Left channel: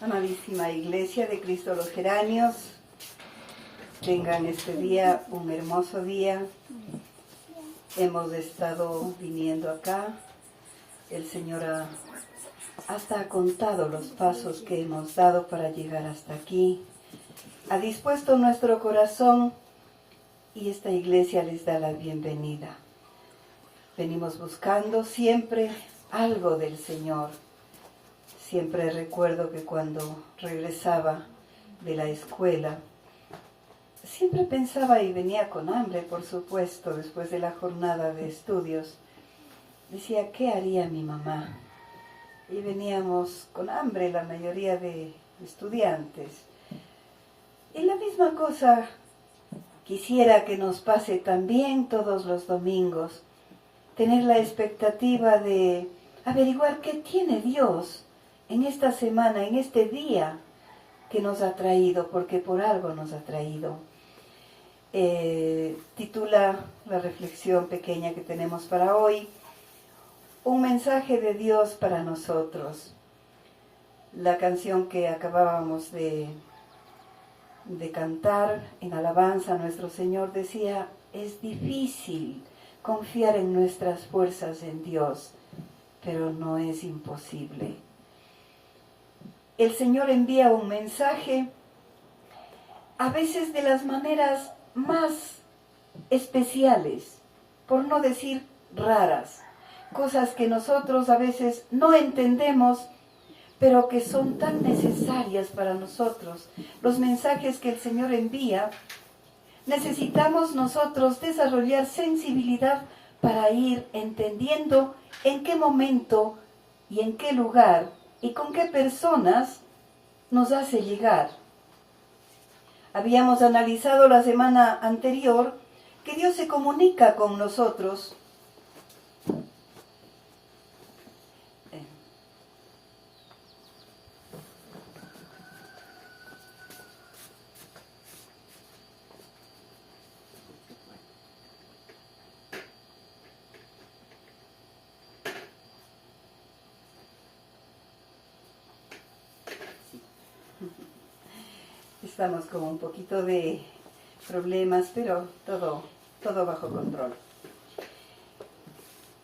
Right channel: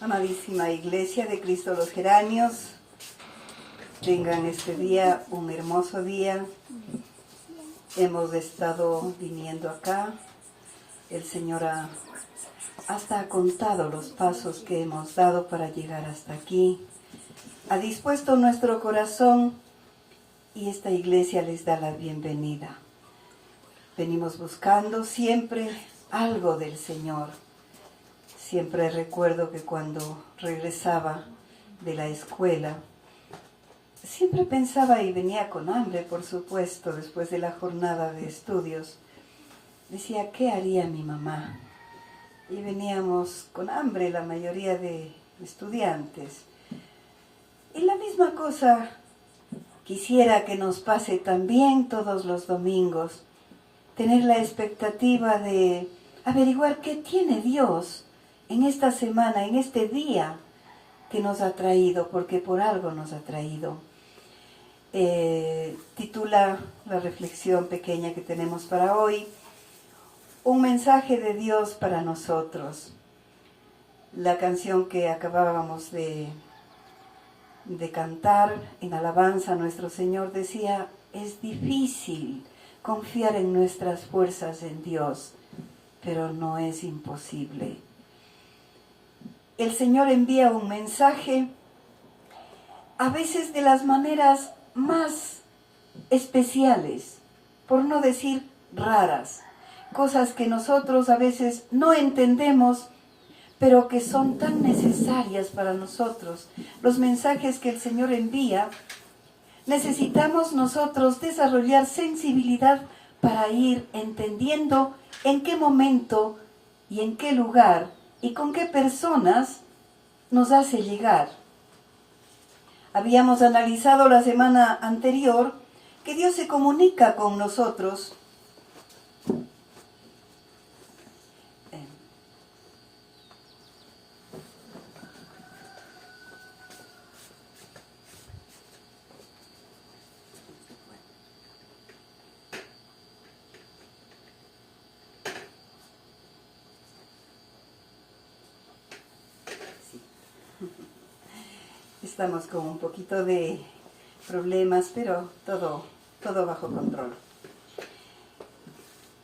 Amadísima Iglesia de Cristo los Geranios, tengan este día un hermoso día. Hemos estado viniendo acá. El Señor hasta ha contado los pasos que hemos dado para llegar hasta aquí. Ha dispuesto nuestro corazón y esta iglesia les da la bienvenida. Venimos buscando siempre algo del Señor. Siempre recuerdo que cuando regresaba de la escuela, siempre pensaba y venía con hambre, por supuesto, después de la jornada de estudios. Decía, ¿qué haría mi mamá? Y veníamos con hambre la mayoría de estudiantes. Y la misma cosa quisiera que nos pase también todos los domingos. Tener la expectativa de averiguar qué tiene Dios en esta semana, en este día que nos ha traído, porque por algo nos ha traído. Titula la reflexión pequeña que tenemos para hoy, un mensaje de Dios para nosotros. La canción que acabábamos de cantar en alabanza a nuestro Señor decía, es difícil confiar en nuestras fuerzas en Dios, pero no es imposible. El Señor envía un mensaje, a veces de las maneras más especiales, por no decir raras, cosas que nosotros a veces no entendemos, pero que son tan necesarias para nosotros. Los mensajes que el Señor envía, necesitamos nosotros desarrollar sensibilidad para ir entendiendo en qué momento y en qué lugar y con qué personas nos hace llegar. Habíamos analizado la semana anterior que Dios se comunica con nosotros Estamos con un poquito de problemas, pero todo bajo control.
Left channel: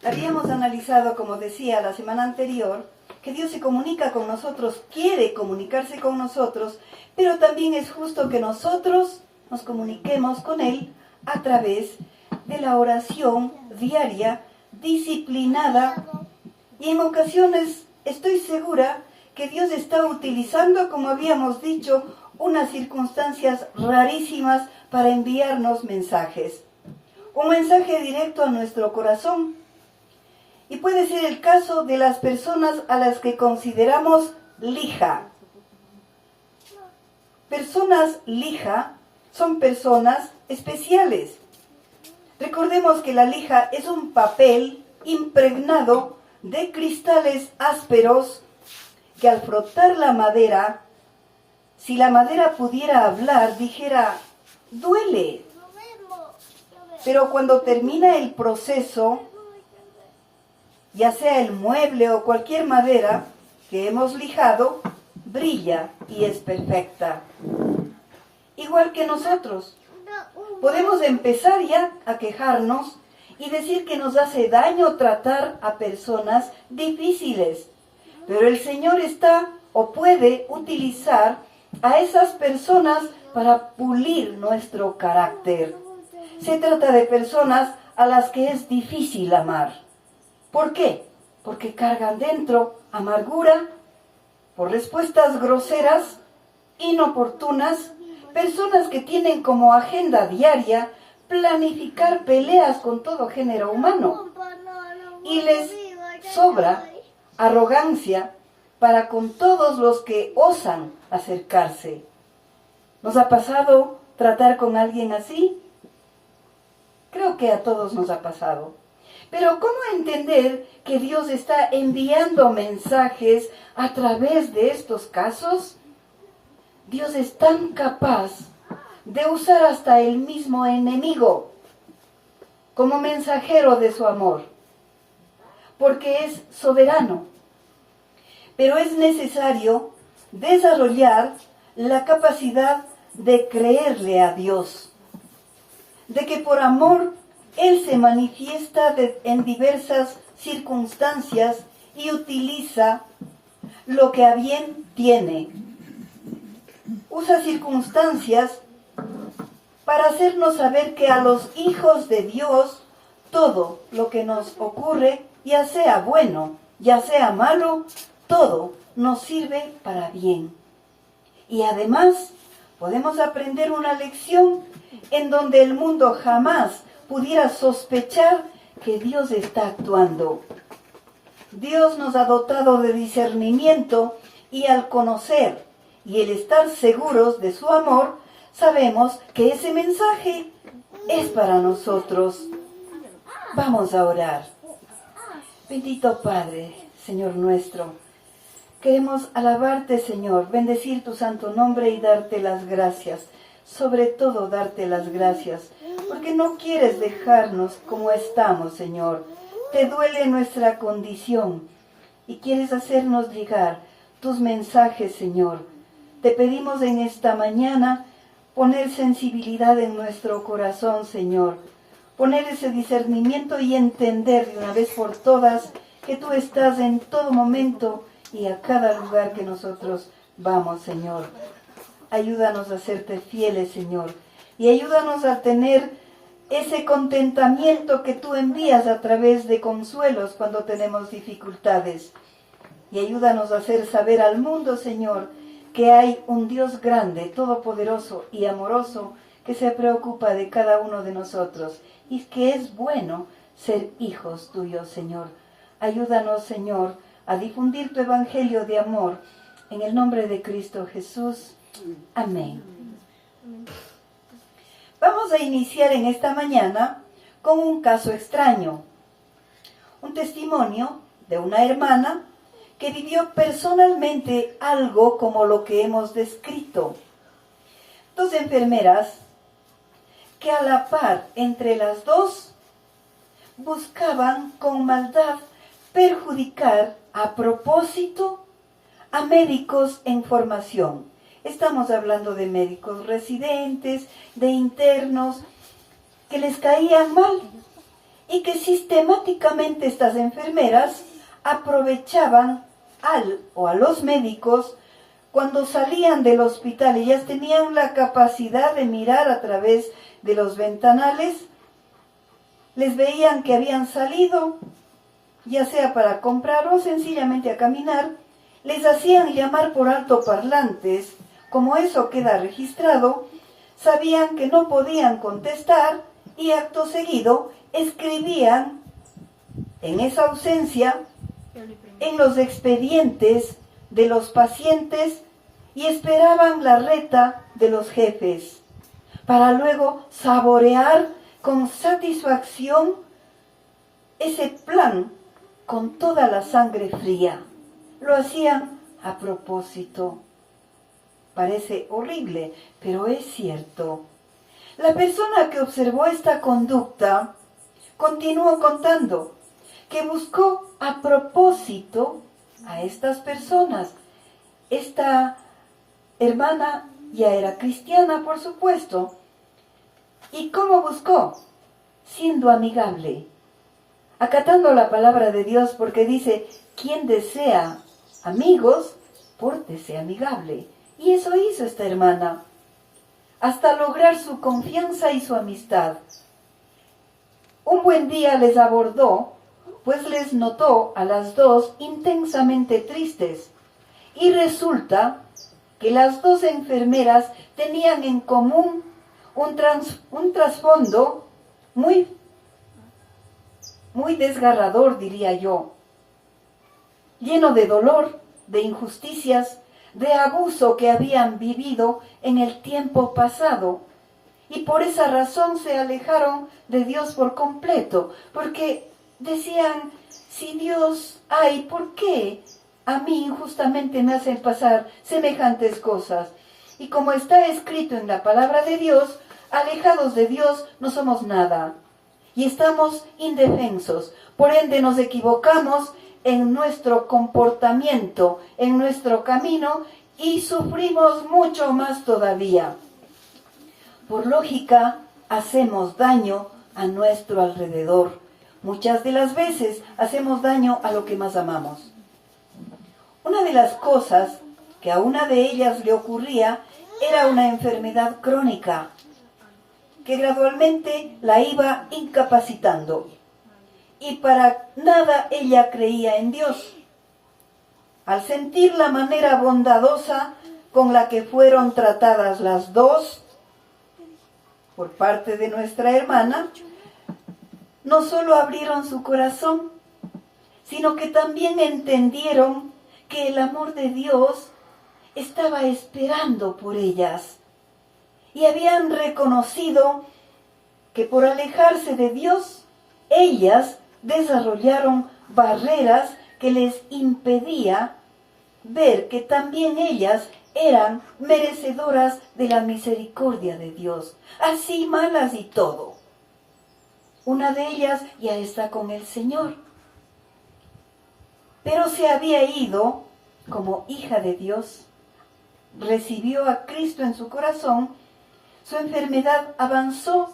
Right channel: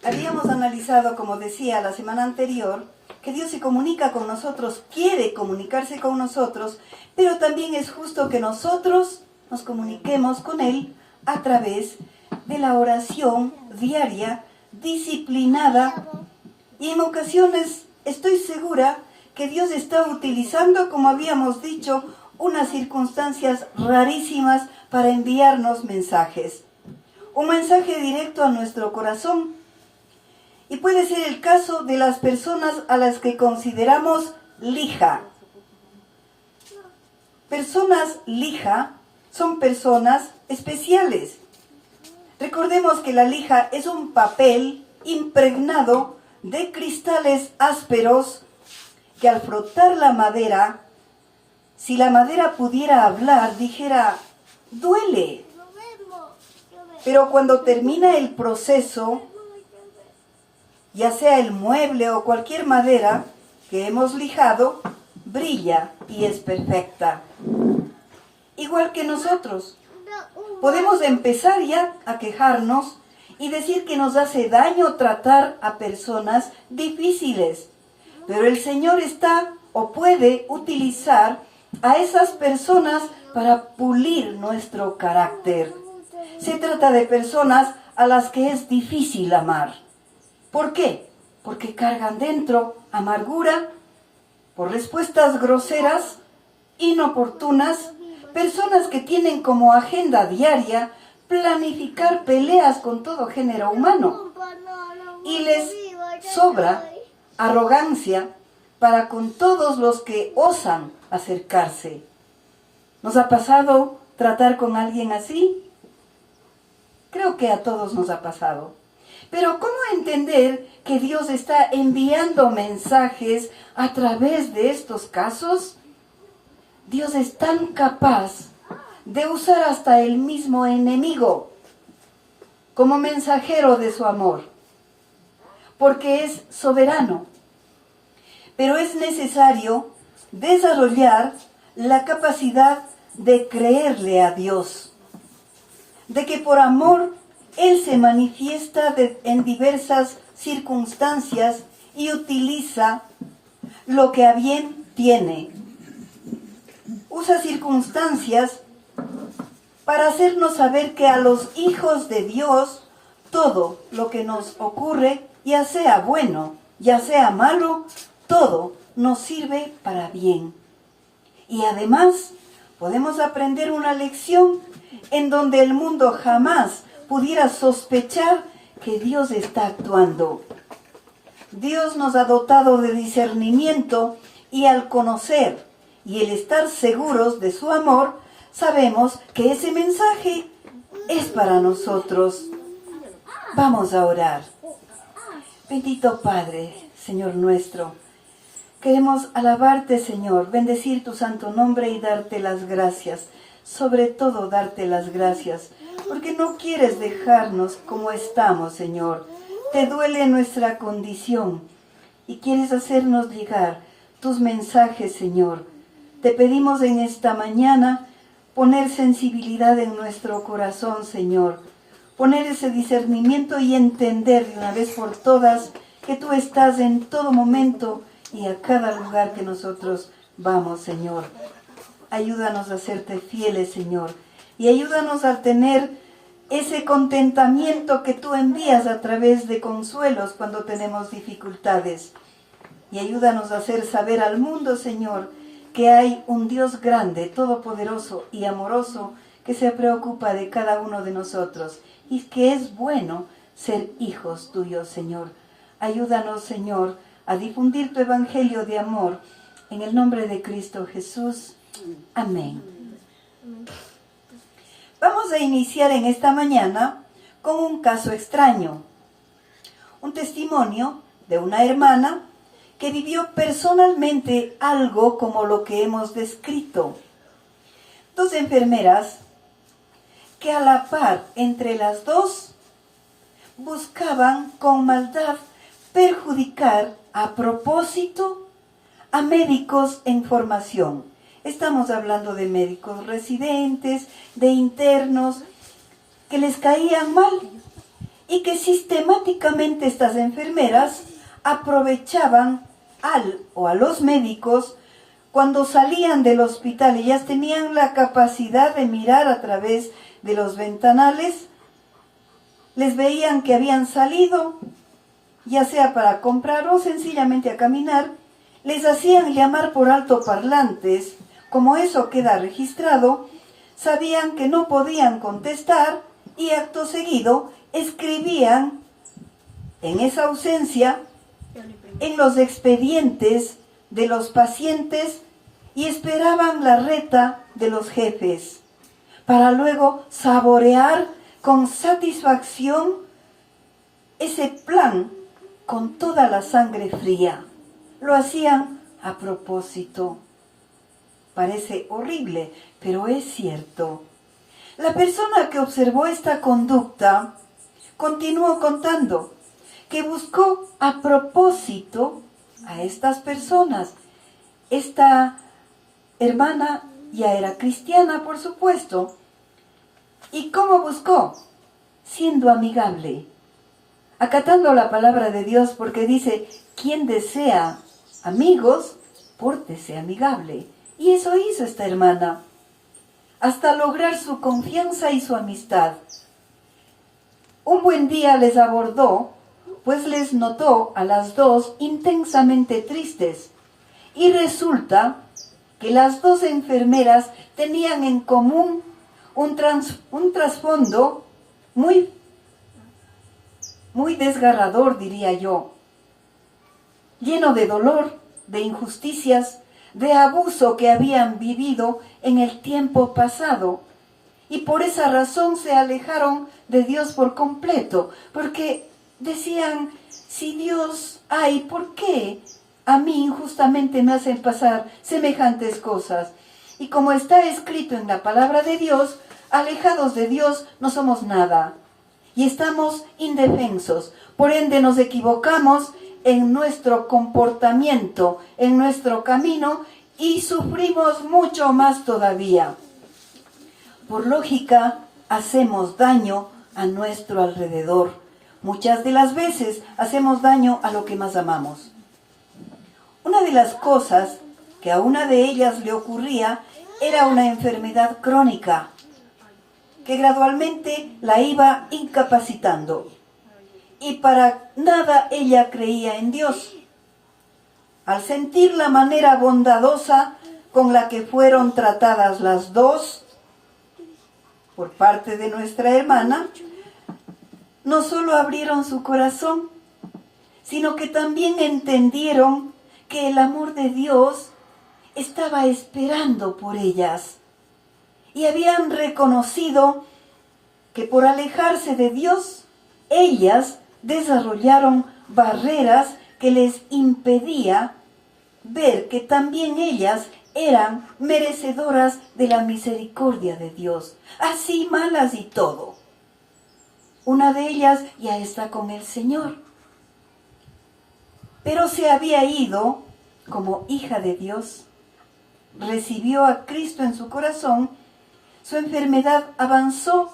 Habíamos analizado, como decía la semana anterior, que Dios se comunica con nosotros, quiere comunicarse con nosotros, pero también es justo que nosotros nos comuniquemos con Él a través de la oración diaria, disciplinada, y en ocasiones estoy segura que Dios está utilizando, como habíamos dicho, unas circunstancias rarísimas para enviarnos mensajes. Un mensaje directo a nuestro corazón. Y puede ser el caso de las personas a las que consideramos lija. Personas lija son personas especiales. Recordemos que la lija es un papel impregnado de cristales ásperos que al frotar la madera, si la madera pudiera hablar, dijera, duele. Pero cuando termina el proceso, ya sea el mueble o cualquier madera que hemos lijado, brilla y es perfecta. Igual que nosotros. Podemos empezar ya a quejarnos y decir que nos hace daño tratar a personas difíciles. Pero el Señor está o puede utilizar a esas personas para pulir nuestro carácter. Se trata de personas a las que es difícil amar. ¿Por qué? Porque cargan dentro amargura, por respuestas groseras, inoportunas, personas que tienen como agenda diaria planificar peleas con todo género humano. Y les sobra arrogancia para con todos los que osan acercarse. ¿Nos ha pasado tratar con alguien así? Creo que a todos nos ha pasado. Pero ¿cómo entender que Dios está enviando mensajes a través de estos casos? Dios es tan capaz de usar hasta el mismo enemigo como mensajero de su amor, porque es soberano. Pero es necesario desarrollar la capacidad de creerle a Dios, de que por amor Él se manifiesta en diversas circunstancias y utiliza lo que a bien tiene. Usa circunstancias para hacernos saber que a los hijos de Dios todo lo que nos ocurre, ya sea bueno, ya sea malo, todo nos sirve para bien. Y además podemos aprender una lección en donde el mundo jamás pudiera sospechar que Dios está actuando. Dios nos ha dotado de discernimiento y al conocer y el estar seguros de su amor, sabemos que ese mensaje es para nosotros. Vamos a orar. Bendito Padre, Señor nuestro, queremos alabarte, Señor, bendecir tu santo nombre y darte las gracias. Sobre todo darte las gracias, porque no quieres dejarnos como estamos, Señor. Te duele nuestra condición y quieres hacernos llegar tus mensajes, Señor. Te pedimos en esta mañana poner sensibilidad en nuestro corazón, Señor. Poner ese discernimiento y entender de una vez por todas que tú estás en todo momento y a cada lugar que nosotros vamos, Señor. Ayúdanos a serte fieles, Señor, y ayúdanos a tener ese contentamiento que tú envías a través de consuelos cuando tenemos dificultades. Y ayúdanos a hacer saber al mundo, Señor, que hay un Dios grande, todopoderoso y amoroso que se preocupa de cada uno de nosotros y que es bueno ser hijos tuyos, Señor. Ayúdanos, Señor, a difundir tu evangelio de amor en el nombre de Cristo Jesús. Amén. Vamos a iniciar en esta mañana con un caso extraño. Un testimonio de una hermana que vivió personalmente algo como lo que hemos descrito. Dos enfermeras que a la par entre las dos buscaban con maldad perjudicar a propósito a médicos en formación. Estamos hablando de médicos residentes, de internos, que les caían mal y que sistemáticamente estas enfermeras aprovechaban a los médicos cuando salían del hospital. Ellas tenían la capacidad de mirar a través de los ventanales, les veían que habían salido, ya sea para comprar o sencillamente a caminar, les hacían llamar por altoparlantes. Como eso queda registrado, sabían que no podían contestar y acto seguido escribían en esa ausencia en los expedientes de los pacientes y esperaban la reta de los jefes para luego saborear con satisfacción ese plan con toda la sangre fría. Lo hacían a propósito. Parece horrible, pero es cierto. La persona que observó esta conducta continuó contando que buscó a propósito a estas personas. Esta hermana ya era cristiana, por supuesto. ¿Y cómo buscó? Siendo amigable, acatando la palabra de Dios, porque dice, quien desea amigos, pórtese amigable. Y eso hizo esta hermana, hasta lograr su confianza y su amistad. Un buen día les abordó, pues les notó a las dos intensamente tristes. Y resulta que las dos enfermeras tenían en común un trasfondo muy desgarrador, diría yo, lleno de dolor, de injusticias, de abuso que habían vivido en el tiempo pasado. Y por esa razón se alejaron de Dios por completo, porque decían, si Dios hay, ¿por qué a mí injustamente me hacen pasar semejantes cosas? Y como está escrito en la palabra de Dios, alejados de Dios no somos nada. Y estamos indefensos. Por ende nos equivocamos en nuestro comportamiento, en nuestro camino, y sufrimos mucho más todavía. Por lógica, hacemos daño a nuestro alrededor. Muchas de las veces hacemos daño a lo que más amamos. Una de las cosas que a una de ellas le ocurría era una enfermedad crónica que gradualmente la iba incapacitando. Y para nada ella creía en Dios. Al sentir la manera bondadosa con la que fueron tratadas las dos por parte de nuestra hermana, no solo abrieron su corazón, sino que también entendieron que el amor de Dios estaba esperando por ellas. Y habían reconocido que por alejarse de Dios, ellas desarrollaron barreras que les impedía ver que también ellas eran merecedoras de la misericordia de Dios, así malas y todo. Una de ellas ya está con el Señor, pero se había ido como hija de Dios, recibió a Cristo en su corazón, su enfermedad avanzó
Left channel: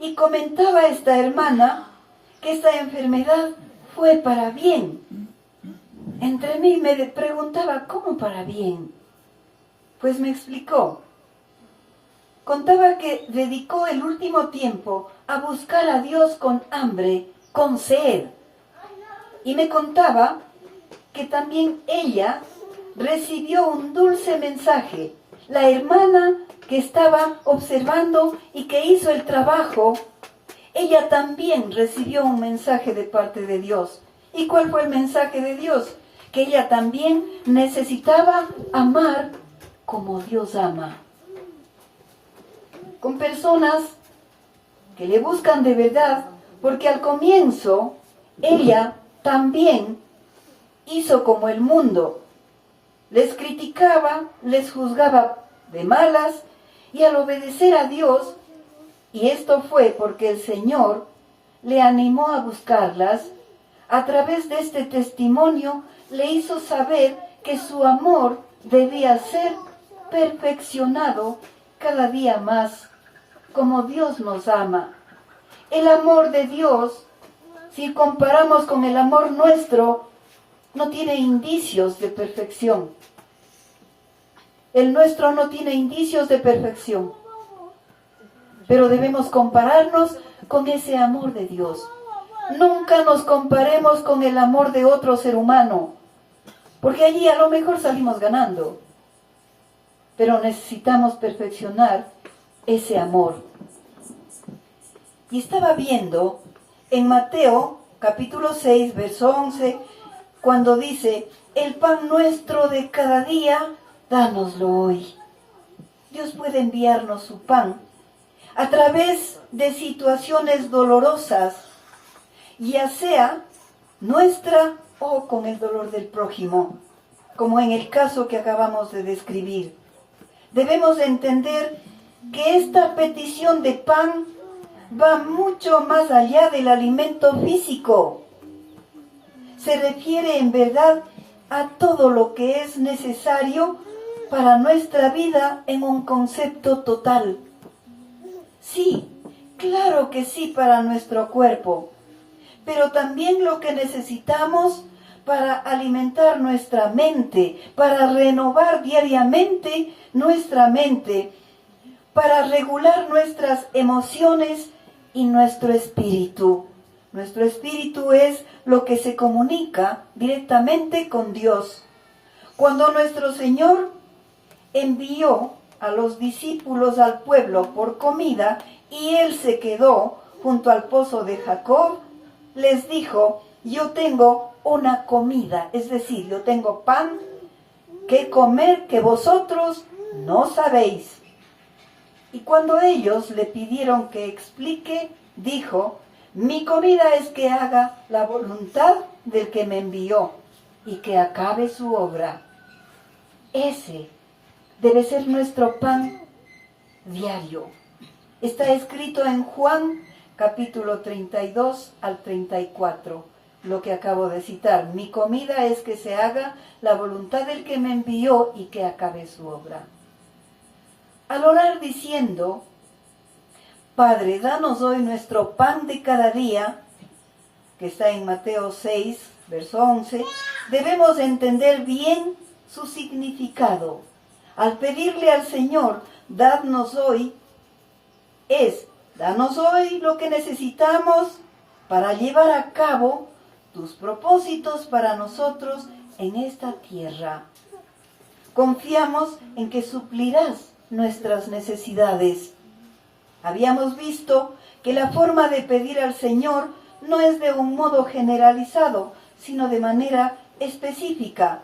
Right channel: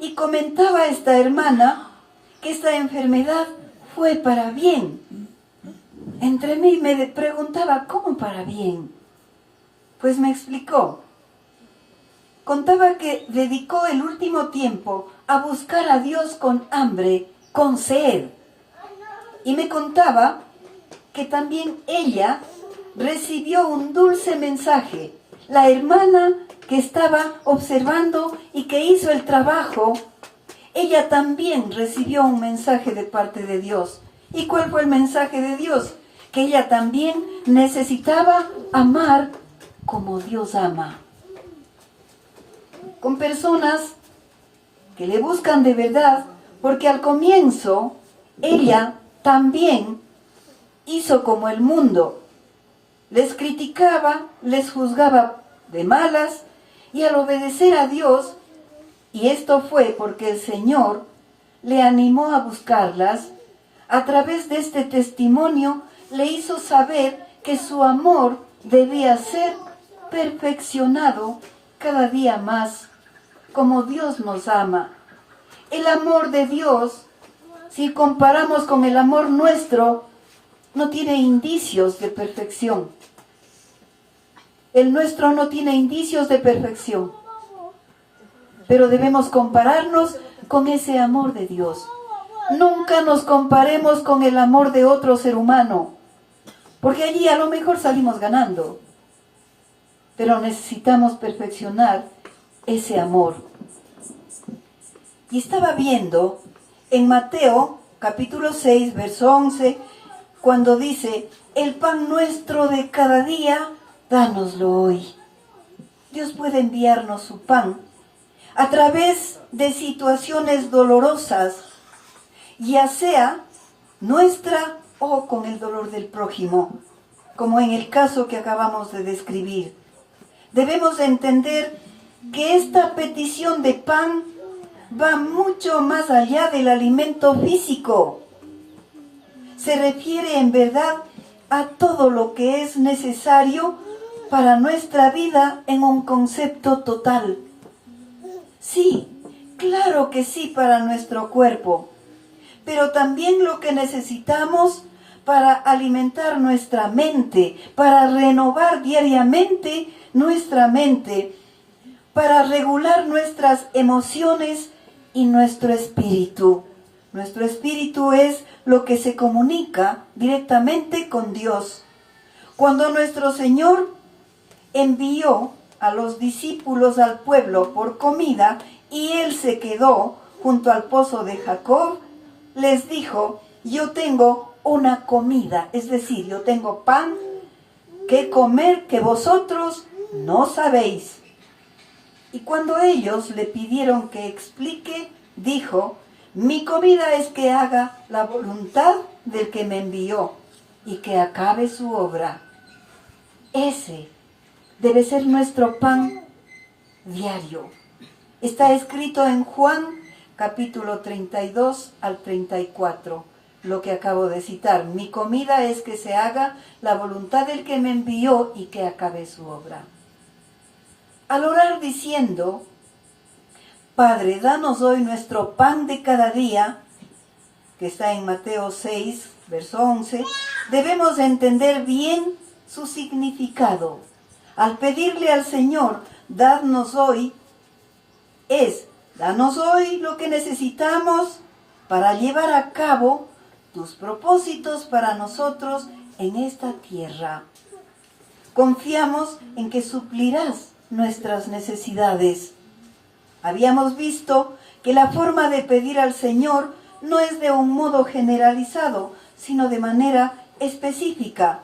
y comentaba esta hermana que esta enfermedad fue para bien. Entre mí me preguntaba, ¿cómo para bien? Pues me explicó. Contaba que dedicó el último tiempo a buscar a Dios con hambre, con sed. Y me contaba que también ella recibió un dulce mensaje. La hermana que estaba observando y que hizo el trabajo, ella también recibió un mensaje de parte de Dios. ¿Y cuál fue el mensaje de Dios? Que ella también necesitaba amar como Dios ama. Con personas que le buscan de verdad, porque al comienzo ella también hizo como el mundo. Les criticaba, les juzgaba de malas, y al obedecer a Dios, y esto fue porque el Señor le animó a buscarlas, a través de este testimonio le hizo saber que su amor debía ser perfeccionado cada día más, como Dios nos ama. El amor de Dios, si comparamos con el amor nuestro, no tiene indicios de perfección. El nuestro no tiene indicios de perfección. Pero debemos compararnos con ese amor de Dios. Nunca nos comparemos con el amor de otro ser humano, porque allí a lo mejor salimos ganando. Pero necesitamos perfeccionar ese amor. Y estaba viendo en Mateo capítulo 6, verso 11, cuando dice, el pan nuestro de cada día, dánoslo hoy. Dios puede enviarnos su pan a través de situaciones dolorosas, ya sea nuestra o con el dolor del prójimo, como en el caso que acabamos de describir. Debemos entender que esta petición de pan va mucho más allá del alimento físico. Se refiere en verdad a todo lo que es necesario para nuestra vida en un concepto total. Sí, claro que sí para nuestro cuerpo, pero también lo que necesitamos para alimentar nuestra mente, para renovar diariamente nuestra mente, para regular nuestras emociones y nuestro espíritu. Nuestro espíritu es lo que se comunica directamente con Dios. Cuando nuestro Señor envió a los discípulos al pueblo por comida y Él se quedó junto al pozo de Jacob, les dijo, yo tengo una comida, es decir, yo tengo pan que comer que vosotros no sabéis. Y cuando ellos le pidieron que explique, dijo, mi comida es que haga la voluntad del que me envió y que acabe su obra. Ese debe ser nuestro pan diario. Está escrito en Juan capítulo 32 al 34. lo que acabo de citar. Mi comida es que se haga la voluntad del que me envió y que acabe su obra. Al orar diciendo, Padre, danos hoy nuestro pan de cada día, que está en Mateo 6, verso 11, debemos entender bien su significado. Al pedirle al Señor, danos hoy lo que necesitamos para llevar a cabo tus propósitos para nosotros en esta tierra. Confiamos en que suplirás nuestras necesidades. Habíamos visto que la forma de pedir al Señor no es de un modo generalizado, sino de manera específica.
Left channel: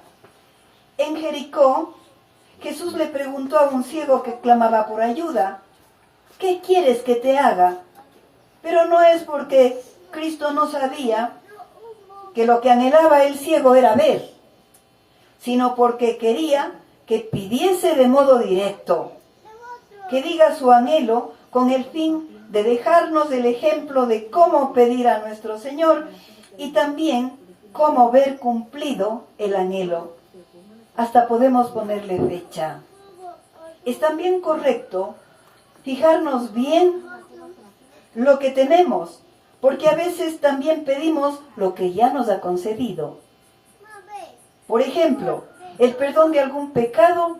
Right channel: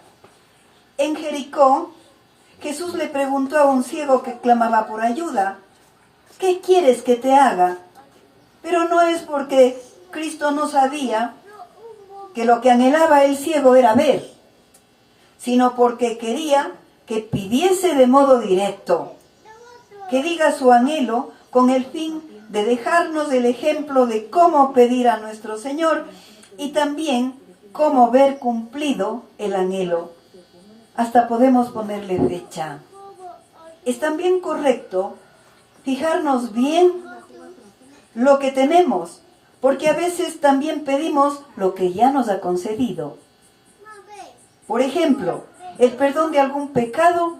En Jericó, Jesús le preguntó a un ciego que clamaba por ayuda, ¿qué quieres que te haga? Pero no es porque Cristo no sabía que lo que anhelaba el ciego era ver, sino porque quería que pidiese de modo directo, que diga su anhelo con el fin de dejarnos el ejemplo de cómo pedir a nuestro Señor y también cómo ver cumplido el anhelo. Hasta podemos ponerle fecha. Es también correcto fijarnos bien lo que tenemos, porque a veces también pedimos lo que ya nos ha concedido. Por ejemplo, el perdón de algún pecado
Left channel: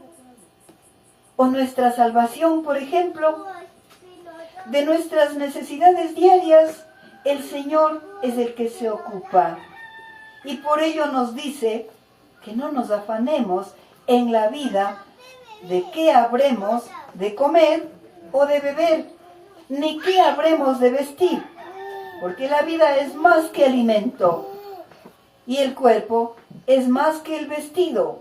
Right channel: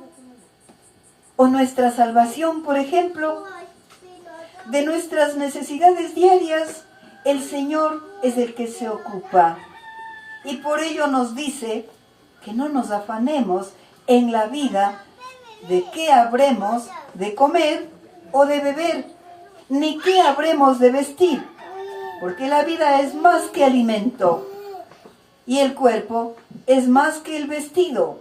o nuestra salvación, por ejemplo, de nuestras necesidades diarias, el Señor es el que se ocupa. Y por ello nos dice que no nos afanemos en la vida de qué habremos de comer o de beber, ni qué habremos de vestir, porque la vida es más que alimento y el cuerpo es más que el vestido.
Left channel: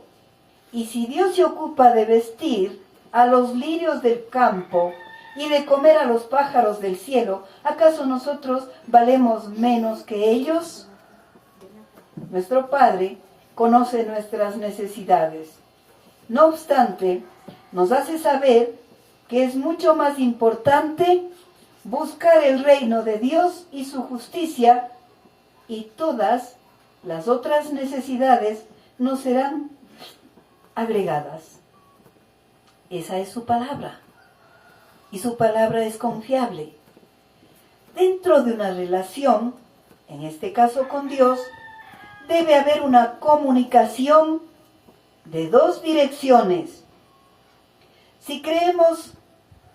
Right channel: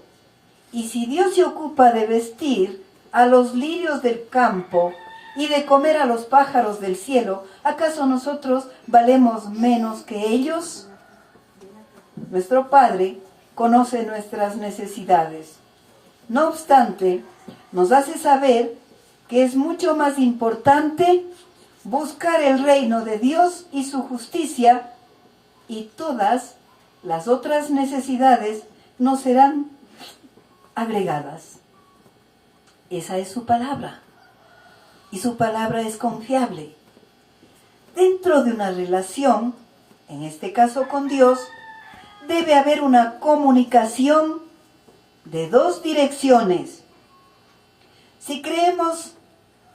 Y si Dios se ocupa de vestir a los lirios del campo y de comer a los pájaros del cielo, ¿acaso nosotros valemos menos que ellos? Nuestro Padre conoce nuestras necesidades. No obstante, nos hace saber que es mucho más importante buscar el reino de Dios y su justicia, y todas las otras necesidades nos serán agregadas. Esa es su palabra. Y su palabra es confiable. Dentro de una relación, en este caso con Dios, debe haber una comunicación de dos direcciones. Si creemos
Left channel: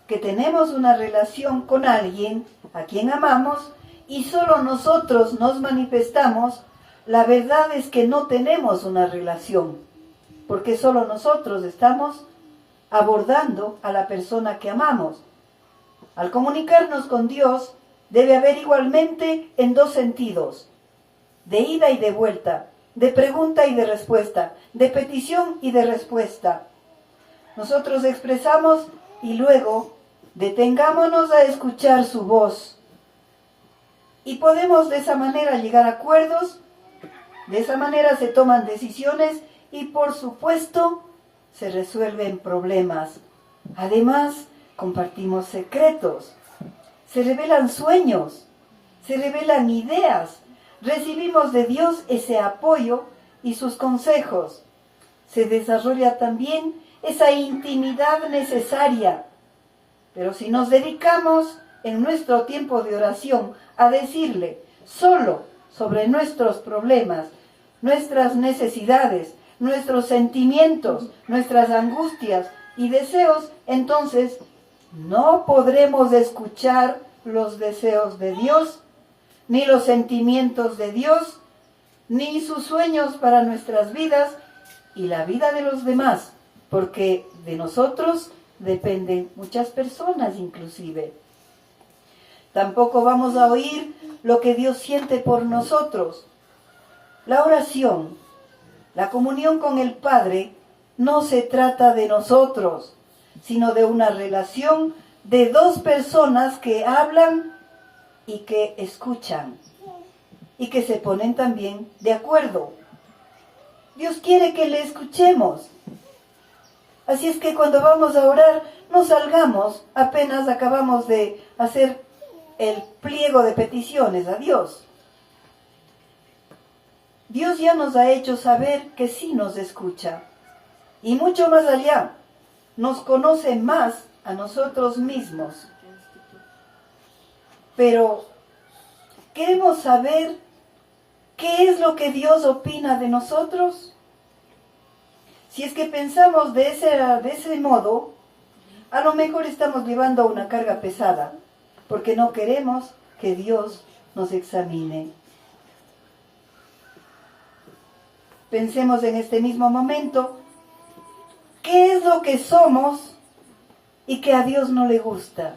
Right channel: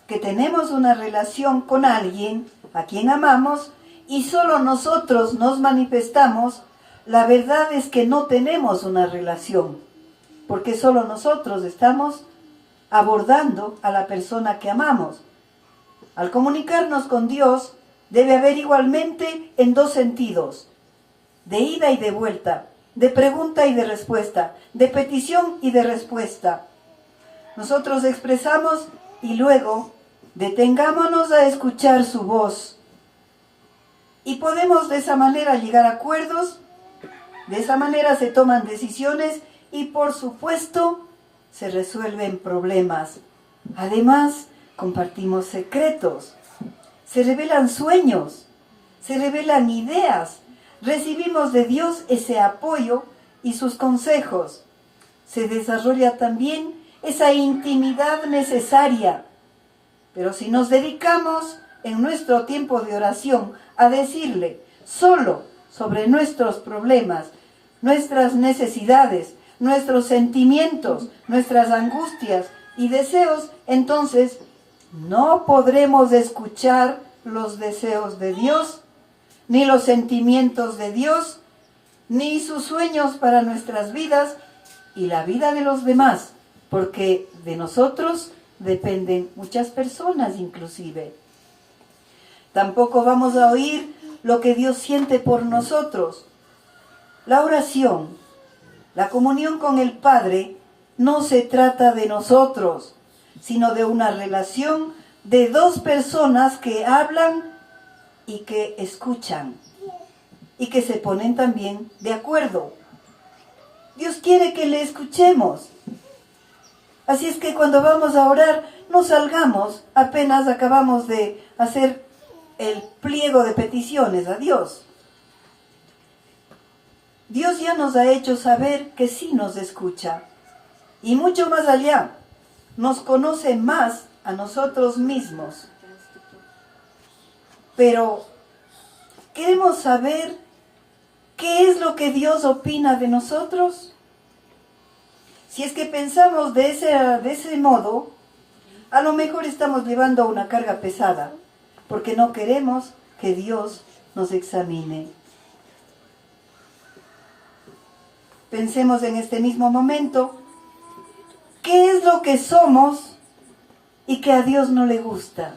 que tenemos una relación con alguien a quien amamos y solo nosotros nos manifestamos, la verdad es que no tenemos una relación, porque solo nosotros estamos abordando a la persona que amamos. Al comunicarnos con Dios, debe haber igualmente en dos sentidos, de ida y de vuelta, de pregunta y de respuesta, de petición y de respuesta. Nosotros expresamos y luego detengámonos a escuchar su voz. Y podemos de esa manera llegar a acuerdos, de esa manera se toman decisiones y por supuesto se resuelven problemas. Además, compartimos secretos, se revelan sueños, se revelan ideas, recibimos de Dios ese apoyo y sus consejos. Se desarrolla también esa intimidad necesaria. Pero si nos dedicamos en nuestro tiempo de oración a decirle solo sobre nuestros problemas, nuestras necesidades, nuestros sentimientos, nuestras angustias y deseos, entonces no podremos escuchar los deseos de Dios, ni los sentimientos de Dios, ni sus sueños para nuestras vidas y la vida de los demás, porque de nosotros dependen muchas personas inclusive. Tampoco vamos a oír lo que Dios siente por nosotros. La oración, la comunión con el Padre, no se trata de nosotros, sino de una relación de dos personas que hablan y que escuchan y que se ponen también de acuerdo. Dios quiere que le escuchemos. Así es que cuando vamos a orar, no salgamos apenas acabamos de hacer el pliego de peticiones a Dios. Dios ya nos ha hecho saber que sí nos escucha. Y mucho más allá, nos conoce más a nosotros mismos. Pero queremos saber qué es lo que Dios opina de nosotros. Si es que pensamos de ese modo, a lo mejor estamos llevando una carga pesada, porque no queremos que Dios nos examine. Pensemos en este mismo momento, ¿qué es lo que somos y que a Dios no le gusta?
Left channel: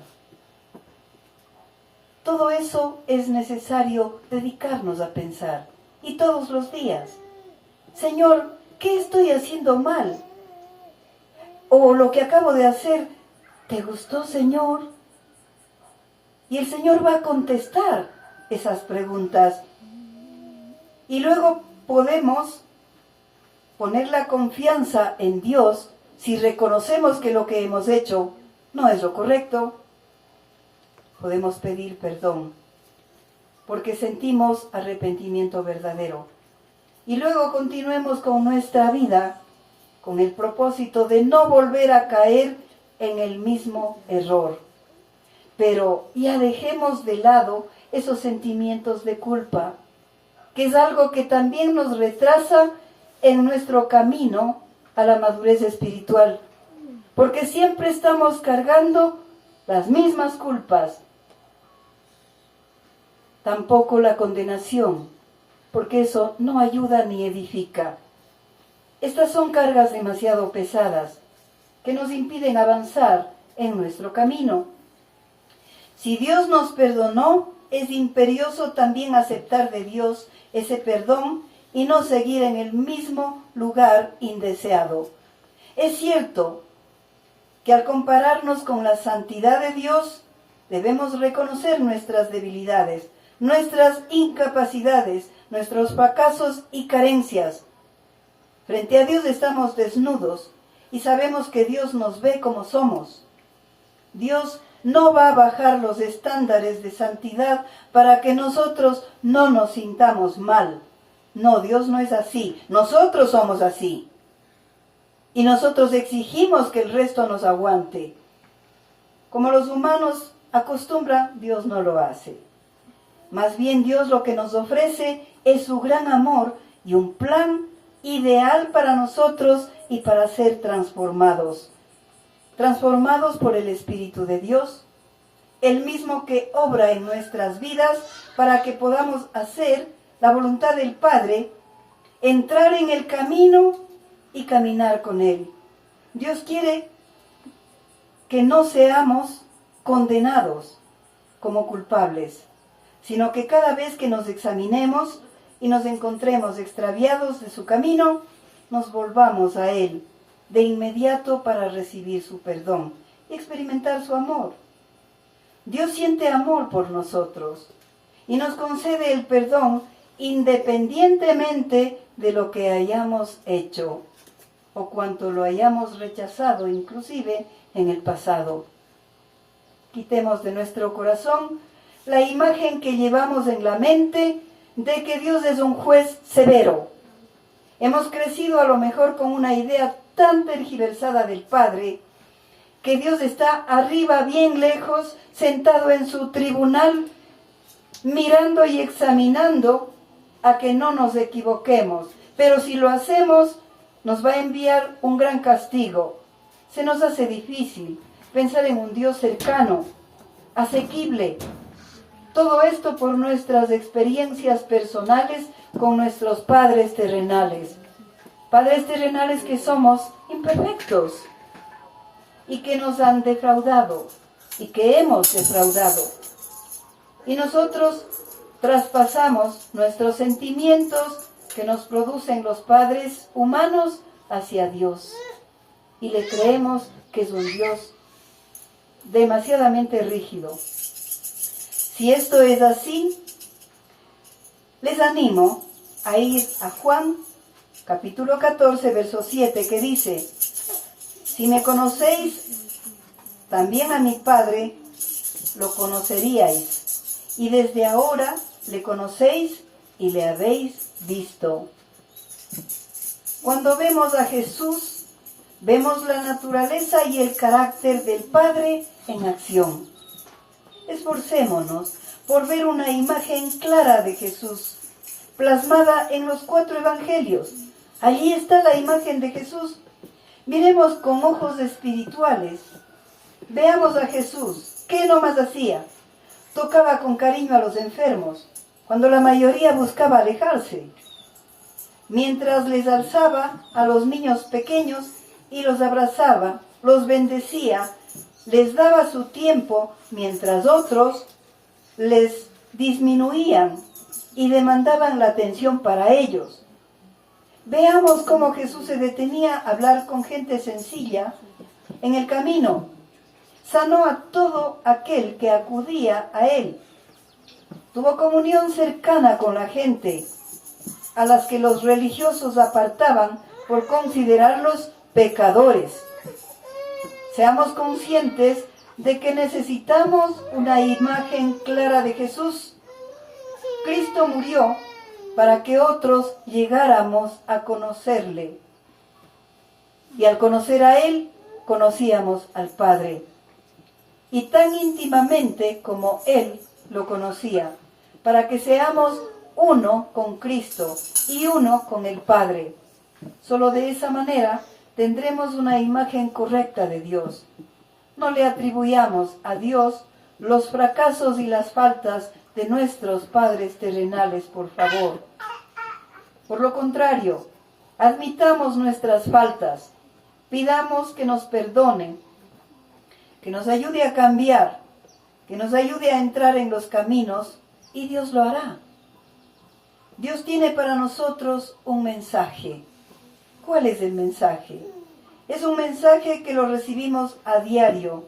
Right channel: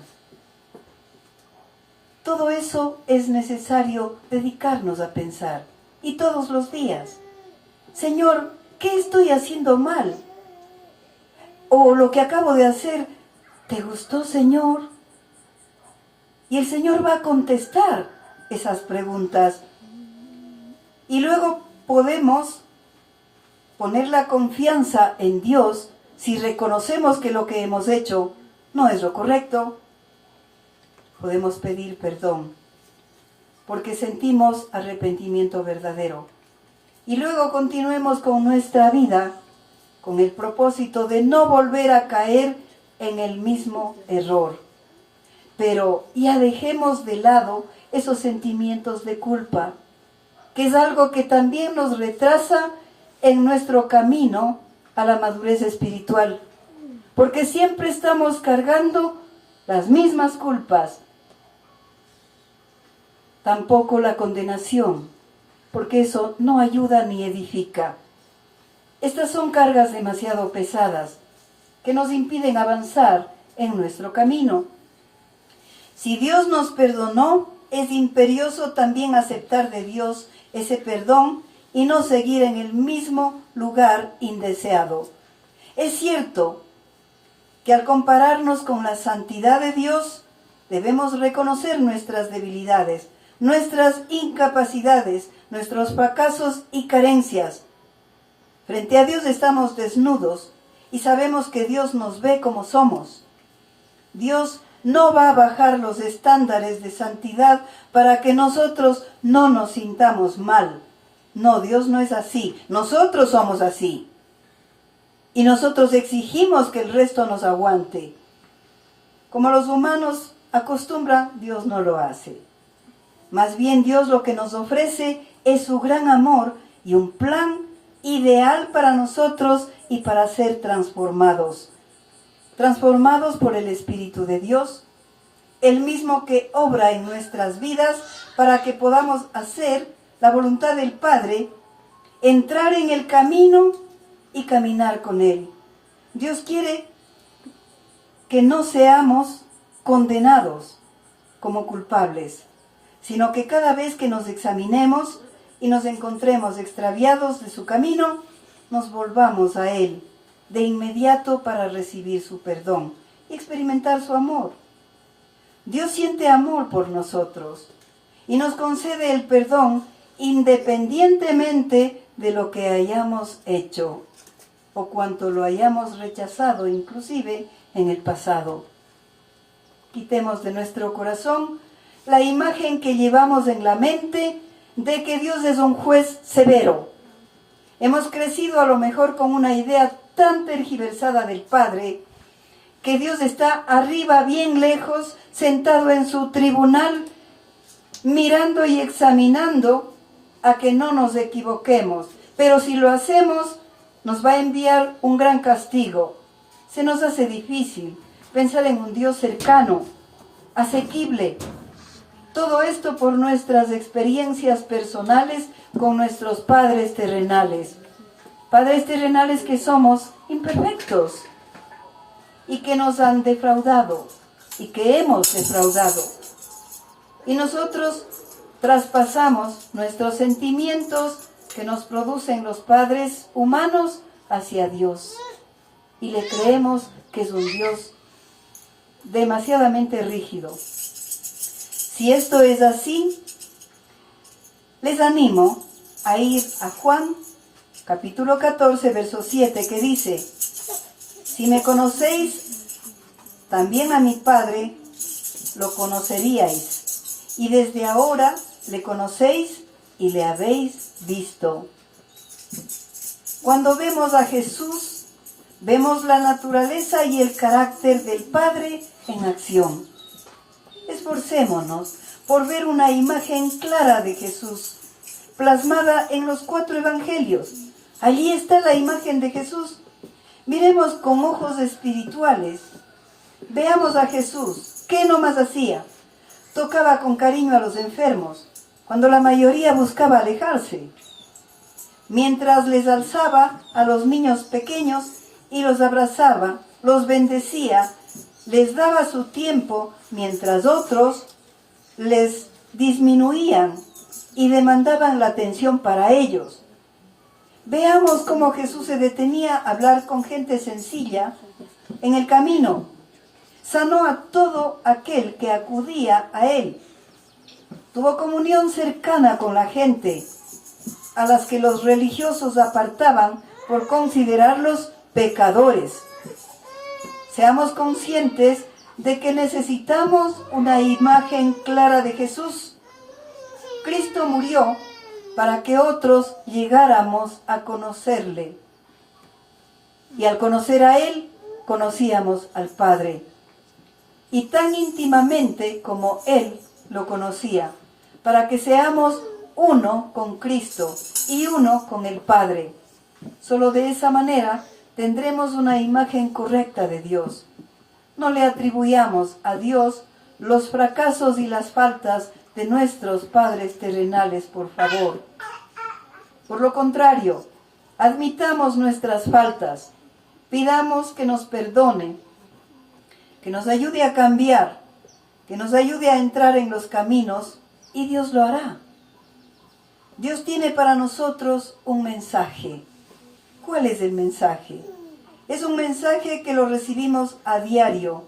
Todo eso es necesario dedicarnos a pensar, y todos los días. Señor, ¿qué estoy haciendo mal? O lo que acabo de hacer, ¿te gustó, Señor? Y el Señor va a contestar esas preguntas. Y luego podemos poner la confianza en Dios si reconocemos que lo que hemos hecho no es lo correcto. Podemos pedir perdón porque sentimos arrepentimiento verdadero. Y luego continuemos con nuestra vida con el propósito de no volver a caer en el mismo error. Pero ya dejemos de lado esos sentimientos de culpa, que es algo que también nos retrasa en nuestro camino a la madurez espiritual, porque siempre estamos cargando las mismas culpas. Tampoco la condenación, porque eso no ayuda ni edifica. Estas son cargas demasiado pesadas que nos impiden avanzar en nuestro camino. Si Dios nos perdonó, es imperioso también aceptar de Dios ese perdón y no seguir en el mismo lugar indeseado. Es cierto que al compararnos con la santidad de Dios, debemos reconocer nuestras debilidades, nuestras incapacidades, nuestros fracasos y carencias. Frente a Dios estamos desnudos y sabemos que Dios nos ve como somos. Dios no va a bajar los estándares de santidad para que nosotros no nos sintamos mal. No, Dios no es así. Nosotros somos así. Y nosotros exigimos que el resto nos aguante. Como los humanos acostumbran, Dios no lo hace. Más bien Dios lo que nos ofrece es su gran amor y un plan ideal para nosotros y para ser transformados. Transformados por el Espíritu de Dios, el mismo que obra en nuestras vidas para que podamos hacer la voluntad del Padre, entrar en el camino y caminar con Él. Dios quiere que no seamos condenados como culpables, sino que cada vez que nos examinemos y nos encontremos extraviados de su camino, nos volvamos a Él de inmediato para recibir su perdón y experimentar su amor. Dios siente amor por nosotros y nos concede el perdón independientemente de lo que hayamos hecho o cuanto lo hayamos rechazado inclusive en el pasado. Quitemos de nuestro corazón la imagen que llevamos en la mente de que Dios es un juez severo. Hemos crecido a lo mejor con una idea tan tergiversada del Padre, que Dios está arriba, bien lejos, sentado en su tribunal, mirando y examinando a que no nos equivoquemos. Pero si lo hacemos, nos va a enviar un gran castigo. Se nos hace difícil pensar en un Dios cercano, asequible. Todo esto por nuestras experiencias personales con nuestros padres terrenales. Padres terrenales que somos imperfectos y que nos han defraudado y que hemos defraudado. Y nosotros traspasamos nuestros sentimientos que nos producen los padres humanos hacia Dios. Y le creemos que es un Dios demasiadamente rígido. Si esto es así, les animo a ir a Juan capítulo 14, verso 7, que dice: si me conocéis, también a mi Padre lo conoceríais, y desde ahora le conocéis y le habéis visto. Cuando vemos a Jesús, vemos la naturaleza y el carácter del Padre en acción. Esforcémonos por ver una imagen clara de Jesús, plasmada en los 4 evangelios. Allí está la imagen de Jesús. Miremos con ojos espirituales. Veamos a Jesús. ¿Qué nomás hacía? Tocaba con cariño a los enfermos, cuando la mayoría buscaba alejarse. Mientras les alzaba a los niños pequeños y los abrazaba, los bendecía, les daba su tiempo, mientras otros les disminuían y demandaban la atención para ellos. Veamos cómo Jesús se detenía a hablar con gente sencilla en el camino. Sanó a todo aquel que acudía a él. Tuvo comunión cercana con la gente, a las que los religiosos apartaban por considerarlos pecadores. Seamos conscientes de que necesitamos una imagen clara de Jesús. Cristo murió para que otros llegáramos a conocerle. Y al conocer a Él, conocíamos al Padre. Y tan íntimamente como Él lo conocía, para que seamos uno con Cristo y uno con el Padre. Solo de esa manera tendremos una imagen correcta de Dios. No le atribuyamos a Dios los fracasos y las faltas de nuestros padres terrenales, por favor. Por lo contrario, admitamos nuestras faltas, pidamos que nos perdonen, que nos ayude a cambiar, que nos ayude a entrar en los caminos, y Dios lo hará. Dios tiene para nosotros un mensaje. ¿Cuál es el mensaje? Es un mensaje que lo recibimos a diario,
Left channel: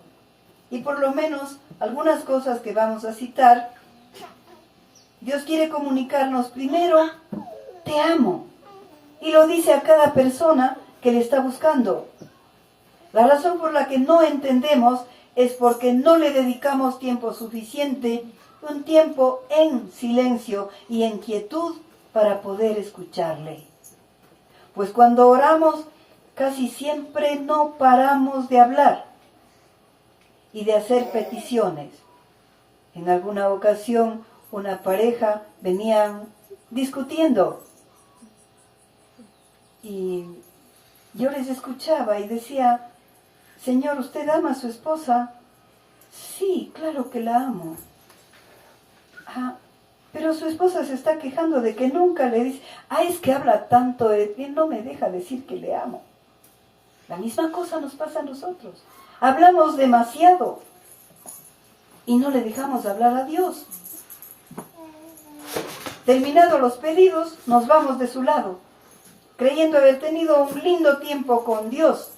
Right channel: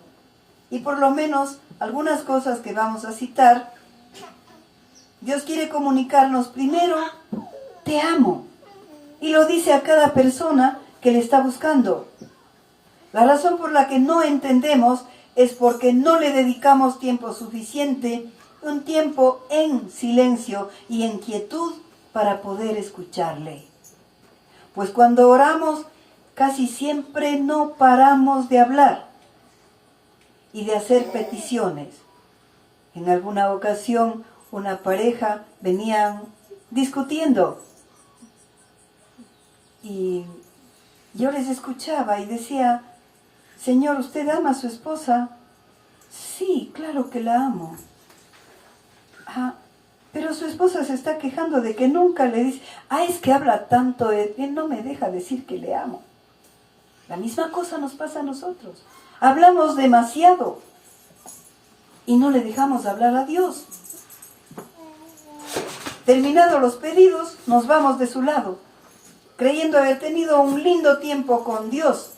y por lo menos algunas cosas que vamos a citar. Dios quiere comunicarnos primero, te amo, y lo dice a cada persona que le está buscando. La razón por la que no entendemos es porque no le dedicamos tiempo suficiente, un tiempo en silencio y en quietud para poder escucharle. Pues cuando oramos, casi siempre no paramos de hablar y de hacer peticiones. En alguna ocasión, una pareja venían discutiendo y yo les escuchaba y decía, Señor, ¿usted ama a su esposa? Sí, claro que la amo. Pero su esposa se está quejando de que nunca le dice, es que habla tanto, él no me deja decir que le amo. La misma cosa nos pasa a nosotros. Hablamos demasiado y no le dejamos hablar a Dios. Terminados los pedidos, nos vamos de su lado, creyendo haber tenido un lindo tiempo con Dios.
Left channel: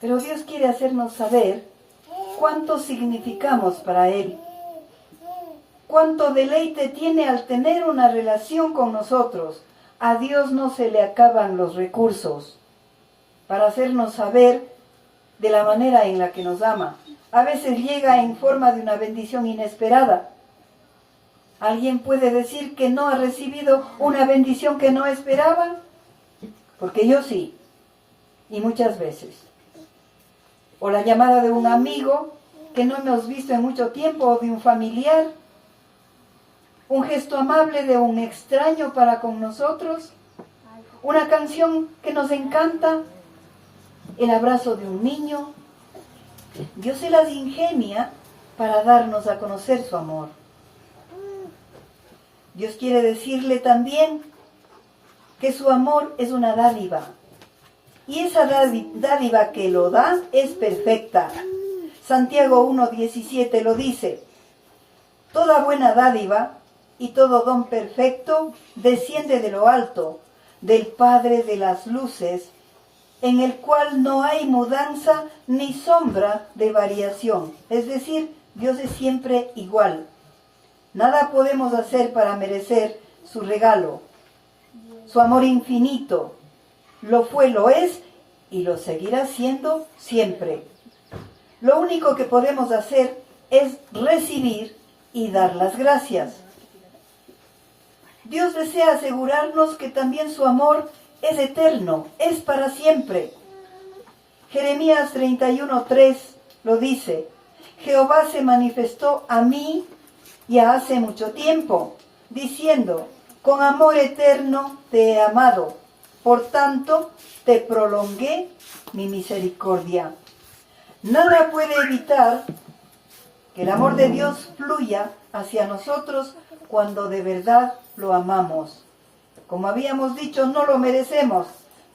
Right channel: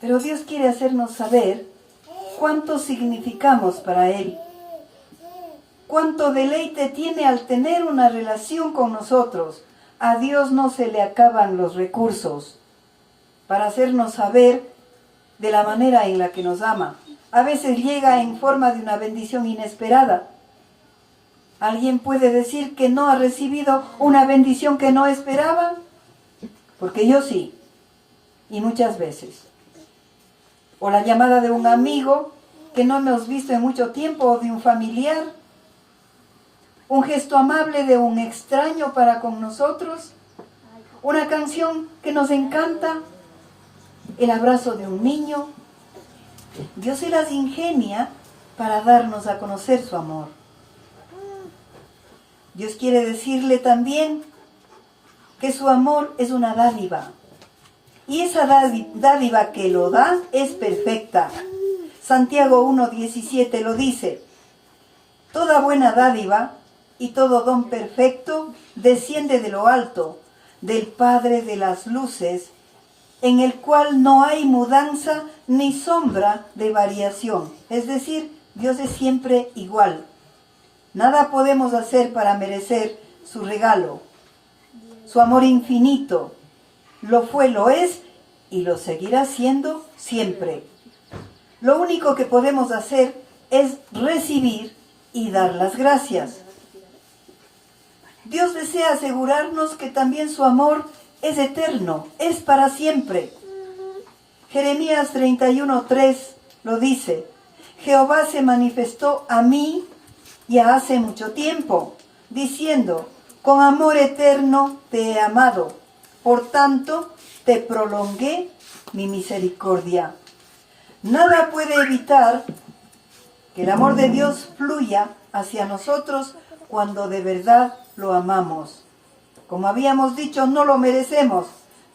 Pero Dios quiere hacernos saber cuánto significamos para Él. Cuánto deleite tiene al tener una relación con nosotros. A Dios no se le acaban los recursos para hacernos saber de la manera en la que nos ama. A veces llega en forma de una bendición inesperada. ¿Alguien puede decir que no ha recibido una bendición que no esperaba? Porque yo sí, y muchas veces. O la llamada de un amigo que no hemos visto en mucho tiempo, o de un familiar. Un gesto amable de un extraño para con nosotros. Una canción que nos encanta. El abrazo de un niño. Dios se las ingenia para darnos a conocer su amor. Dios quiere decirle también que su amor es una dádiva. Y esa dádiva que lo da es perfecta. Santiago 1:17 lo dice. Toda buena dádiva y todo don perfecto desciende de lo alto, del Padre de las luces, en el cual no hay mudanza ni sombra de variación. Es decir, Dios es siempre igual. Nada podemos hacer para merecer su regalo. Su amor infinito lo fue, lo es y lo seguirá siendo siempre. Lo único que podemos hacer es recibir y dar las gracias. Dios desea asegurarnos que también su amor es eterno, es para siempre. Jeremías 31:3 lo dice: Jehová se manifestó a mí ya hace mucho tiempo, diciendo: con amor eterno te he amado, por tanto te prolongué mi misericordia. Nada puede evitar que el amor de Dios fluya hacia nosotros cuando de verdad lo amamos. Como habíamos dicho, no lo merecemos,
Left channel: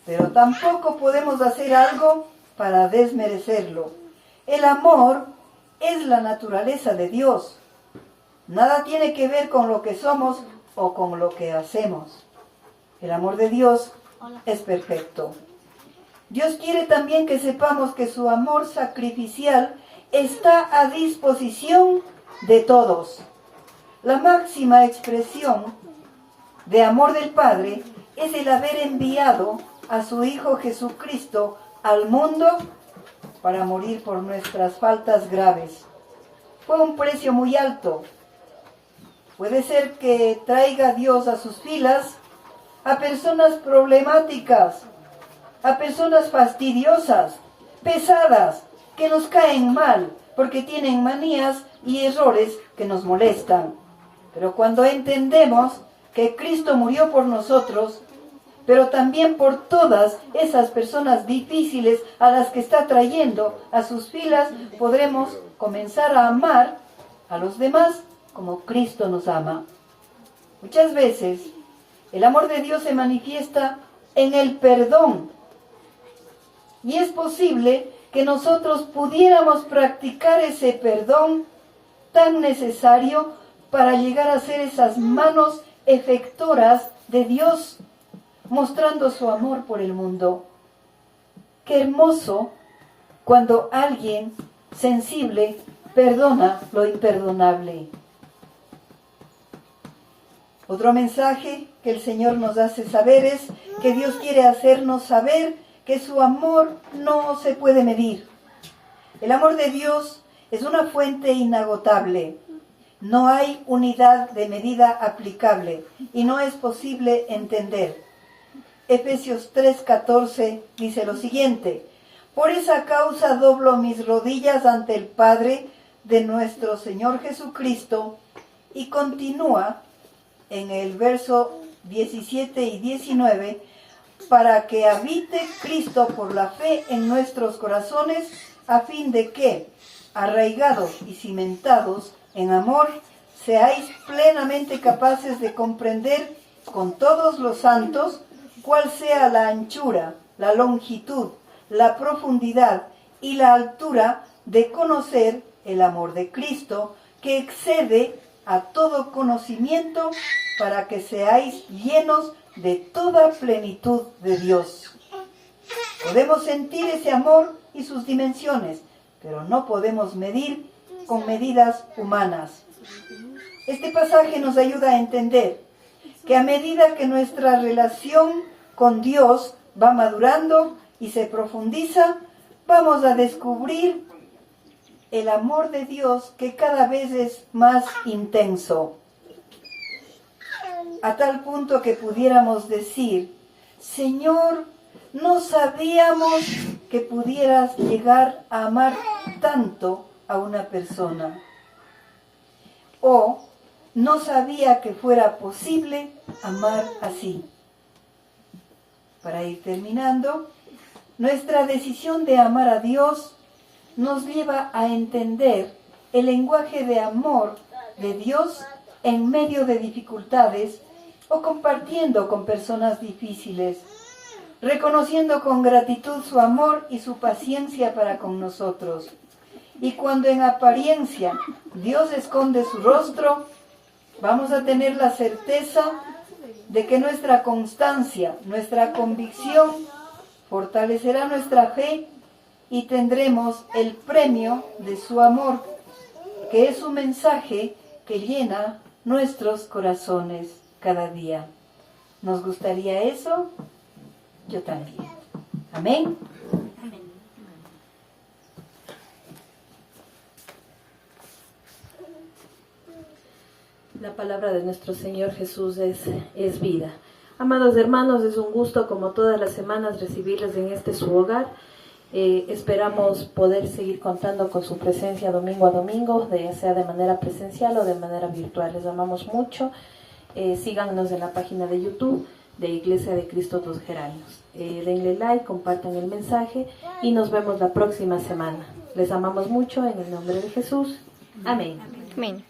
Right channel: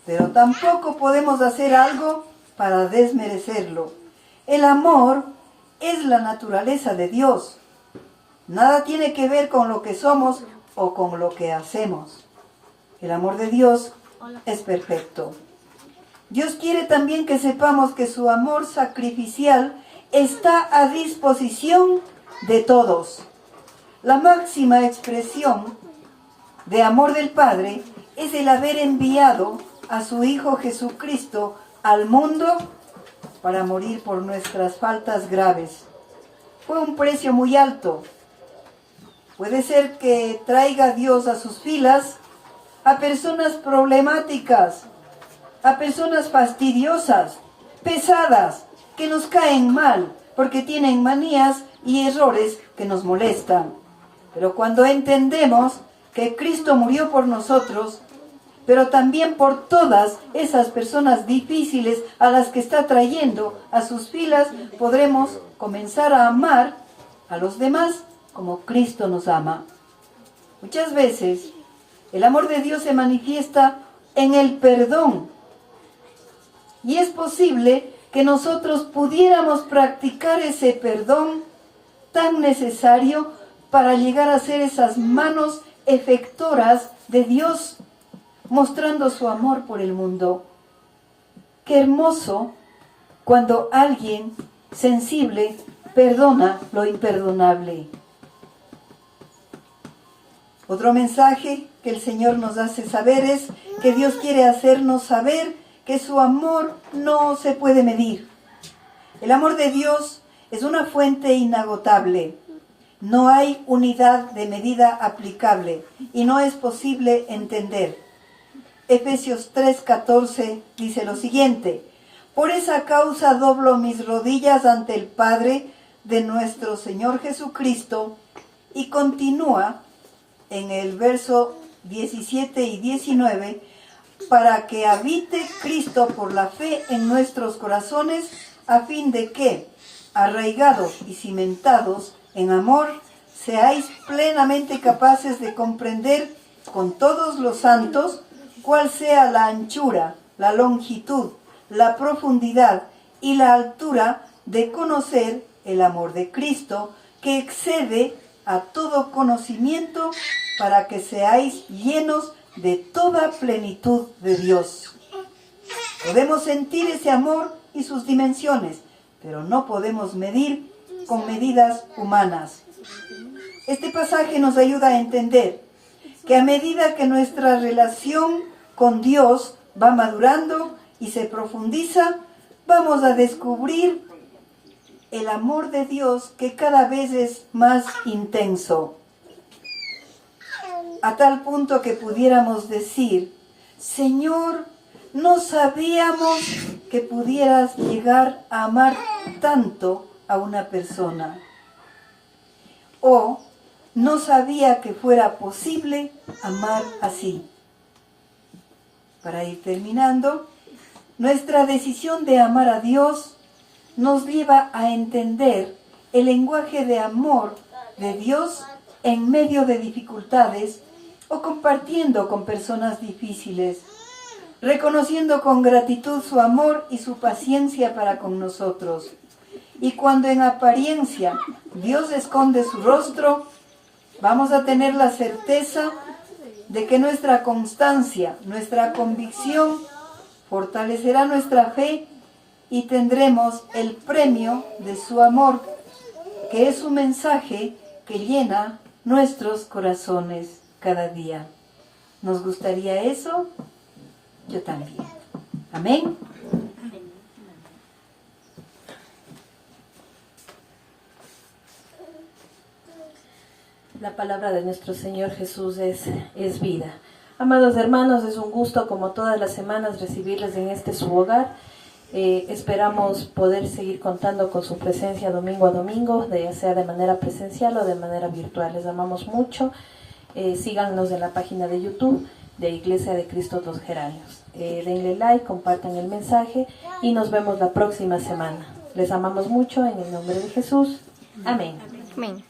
pero tampoco podemos hacer algo para desmerecerlo. El amor es la naturaleza de Dios. Nada tiene que ver con lo que somos o con lo que hacemos. El amor de Dios es perfecto. Dios quiere también que sepamos que su amor sacrificial está a disposición de todos. La máxima expresión de amor del Padre es el haber enviado a su Hijo Jesucristo al mundo para morir por nuestras faltas graves. Fue un precio muy alto. Puede ser que traiga Dios a sus filas a personas problemáticas, a personas fastidiosas, pesadas, que nos caen mal porque tienen manías y errores que nos molestan. Pero cuando entendemos que Cristo murió por nosotros, pero también por todas esas personas difíciles a las que está trayendo a sus filas, podremos comenzar a amar a los demás como Cristo nos ama. Muchas veces el amor de Dios se manifiesta en el perdón. Y es posible que nosotros pudiéramos practicar ese perdón tan necesario para llegar a ser esas manos efectoras de Dios, mostrando su amor por el mundo. Qué hermoso cuando alguien sensible perdona lo imperdonable. Otro mensaje que el Señor nos hace saber es que Dios quiere hacernos saber que su amor no se puede medir. El amor de Dios es una fuente inagotable. No hay unidad de medida aplicable y no es posible entender. Efesios 3:14 dice lo siguiente: por esa causa doblo mis rodillas ante el Padre de nuestro Señor Jesucristo, y continúa en el verso 17 y 19, para que habite Cristo por la fe en nuestros corazones, a fin de que, arraigados y cimentados en amor, seáis plenamente capaces de comprender con todos los santos cuál sea la anchura, la longitud, la profundidad y la altura, de conocer el amor de Cristo, que excede a todo conocimiento, para que seáis llenos de toda plenitud de Dios. Podemos sentir ese amor y sus dimensiones, pero no podemos medir con medidas humanas. Este pasaje nos ayuda a entender que a medida que nuestra relación con Dios va madurando y se profundiza, vamos a descubrir el amor de Dios, que cada vez es más intenso. A tal punto que pudiéramos decir: Señor, no sabíamos que pudieras llegar a amar tanto a una persona. O no sabía que fuera posible amar así. Para ir terminando, nuestra decisión de amar a Dios nos lleva a entender el lenguaje de amor de Dios en medio de dificultades o compartiendo con personas difíciles, reconociendo con gratitud su amor y su paciencia para con nosotros. Y cuando en apariencia Dios esconde su rostro, vamos a tener la certeza de que nuestra constancia, nuestra convicción, fortalecerá nuestra fe y tendremos el premio de su amor, que es un mensaje que llena nuestros corazones cada día. ¿Nos gustaría eso? Yo también. Amén. La palabra de nuestro Señor Jesús es vida. Amados hermanos, es un gusto como todas las semanas recibirles en este su hogar. Esperamos poder seguir contando con su presencia domingo a domingo, ya sea de manera presencial o de manera virtual. Les amamos mucho. Síganos en la página de YouTube de Iglesia de Cristo Dos Geranios. Denle like, compartan el mensaje y nos vemos la próxima semana. Les amamos mucho en el nombre de Jesús. Amén. Amén.